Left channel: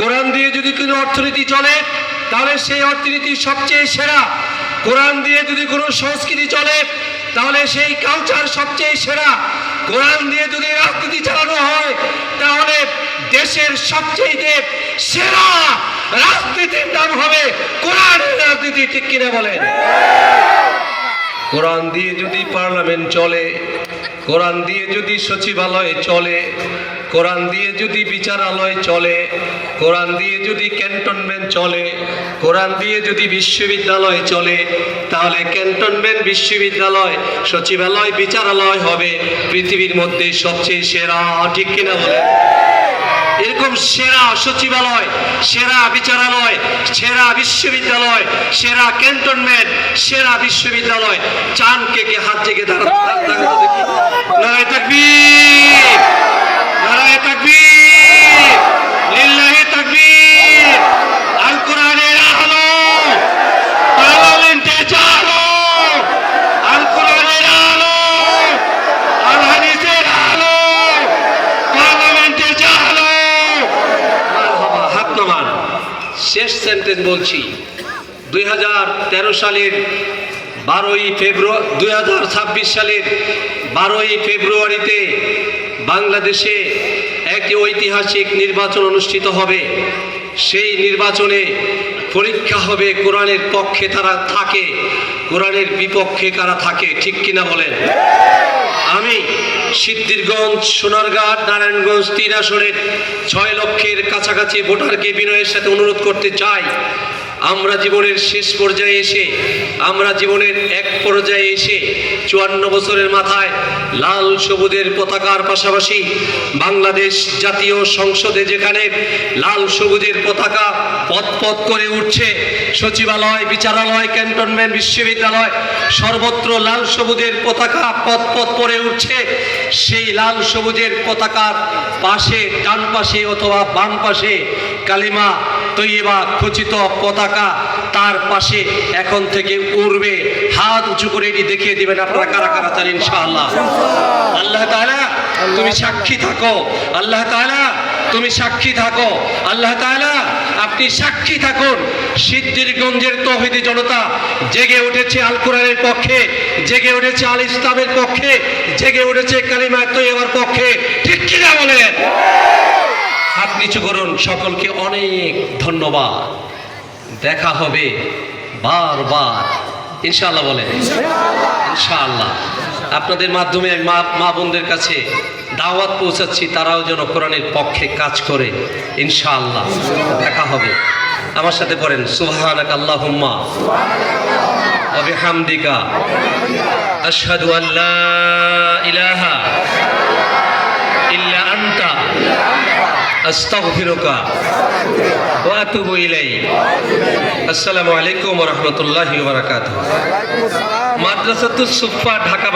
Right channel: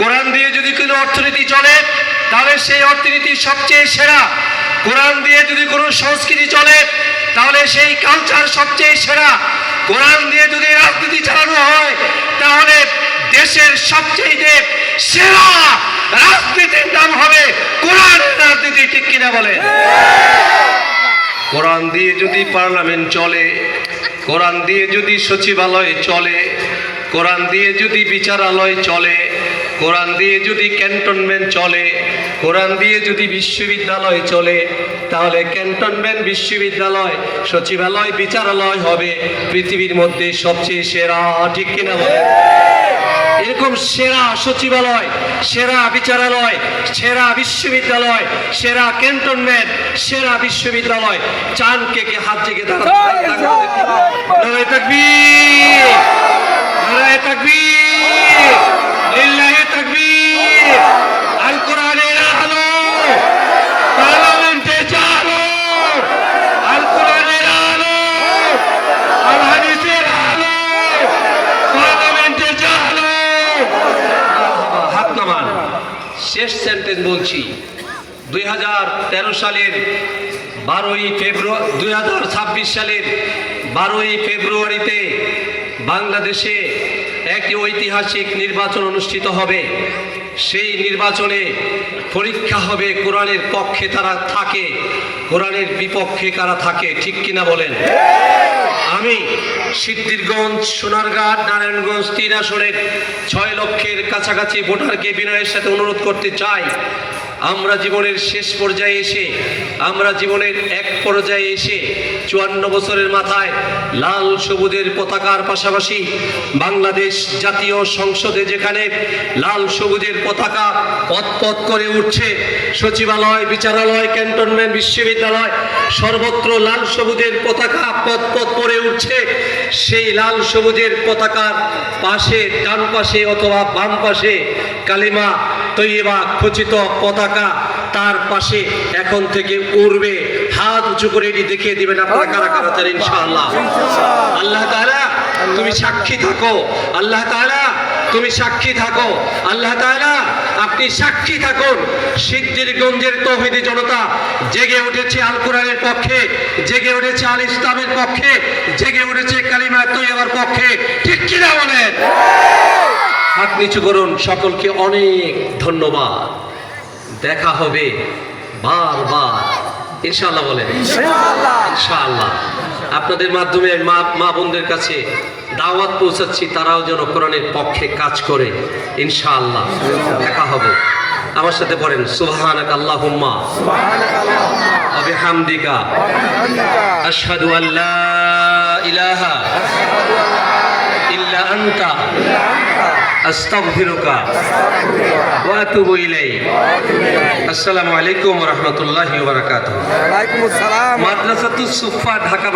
কোরআন দিয়ে যদি কোনো অর্থনীতি চলে তাহলে সেই অর্থনীতি সবচেয়ে সেরা। কোরআন দিয়ে যদি কোনো সংস্কৃতি চলে তাহলে সেই কালচার সবচেয়ে সেরা। কোরআন দিয়ে যদি রাজনীতি চালানো হয় তাহলে দেশের সবচেয়ে সেরা রাজনীতির নাম হবে কোরআনের রাজনীতি। ঠিক কিনা বলেন? কোরআন দিয়ে যদি পার্লামেন্ট চলে, কোরআন দিয়ে যদি সচিবালয় চলে, কোরআন দিয়ে যদি বিচারালয় চলে, কোরআন দিয়ে যদি ক্যান্টনমেন্ট চলে, কোরআন দিয়ে যদি বিশ্ববিদ্যালয় চলে, তাহলে ক্যান্টনমেন্ট, বিশ্ববিদ্যালয়, সচিবালয়, বিচারালয় হবে পৃথিবীর মধ্যে সবচেয়ে সেরা। ঠিক কিনা বলেন? এরকম সেরা সচিবালয়, সেরা বিচারালয়, সেরা বিশ্ববিদ্যালয়, সেরা ক্যান্টনমেন্ট, সেরা বিশ্ববিদ্যালয় চান কে কে? হাত জেগে দাঁড়ান। নারায়ে তাকবীর, নারায়ে তাকবীর, লিল্লাহি তাকবীর। আল কোরআনের আলো পার্লামেন্টে চালো, আল কোরআনের আলো, আল হাদিসের আলো পার্লামেন্টে চালো। হাত নামান। শেষ সেন্টেন্স বলছি। 2013 সালের 2026 সালের 12ই ফেব্রুয়ারিতে বাংলাদেশে একটি ঐতিহাসিক নির্বাচন অনুষ্ঠিত হবে। সেই নির্বাচনে পরীক্ষা হবে কোরআনের পক্ষে তারা থাকে, কোরআনের বিপক্ষে কারা থাকে। ঠিক কিনা বলেন? আমি সিদ্ধিরগঞ্জ, সোনারঘাট, নারায়ণগঞ্জ 3 আসনের 6 লক্ষের কাছাকাছি ভোটারকে বিনয়ের সাথে অনুরোধ করতে চাই, আমরা জীবনের শেষ পর্যায়ে এসে, আমরা জীবনের এক পর্যায়ে এসে 54 বছরের মাথায় লাল সবুজের পতাকার পাশাপাশি বাংলাদেশ জাতীয় সংসদে যেখানে লাল সবুজের পতাকা পথ পথ করে উঠছে, সচিবালয়, বিচারালয়, ক্যান্টনমেন্ট, বিশ্ববিদ্যালয় সর্বত্র লাল সবুজের পতাকা পথ পথ করে উঠছে, সেই লাল সবুজের পতাকার পাশে, ডান পাশে অথবা বাম পাশে কালিমা তৈয়বা খচিত পতাকা, তার পাশে এখন থেকে উড়বে। হাত উঁচু করে এটি দেখিয়ে দিবেন আপনারা কারা কারা চান ইনশাআল্লাহ। আল্লাহ তাআলা তুমি সাক্ষী থাকো, আল্লাহ তাআলা তুমি সাক্ষী থাকো, আল্লাহ তাআলা আপনি সাক্ষী থাকুন। সিদ্ধিরগঞ্জের তৌহিদি জনতা জেগে উঠেছে আল কোরআনের পক্ষে, জেগে উঠেছে আল ইসলামের পক্ষে, জেগে উঠেছে কালিমা তৈয়বার পক্ষে। ঠিক কিনা বলেন? হাত নিচু করুন। সকলকে অনেক ধন্যবাদ। দেখা হবে বারবার ইনশাআল্লাহ। বলেন ইনশাআল্লাহ। আপনাদের মাধ্যমে মা বোনদের কাছে দাওয়াত পৌঁছাচ্ছি, তারাও যেন কোরআনের পক্ষে কাজ করে ইনশাআল্লাহ। দেখা হবে। আমার সাথে পড়েন সুবহানাকা আল্লাহুম্মা ওয়া বিহামদিকা আশহাদু আল্লা ইলাহা ইল্লা আনতা আস্তাগফিরুকা ওয়া আতুবু ইলাইক। আসসালামু আলাইকুম ওয়া রাহমাতুল্লাহি ওয়া বারাকাতুহু। মাদ্রাসাতুস সুফা, ঢাকা।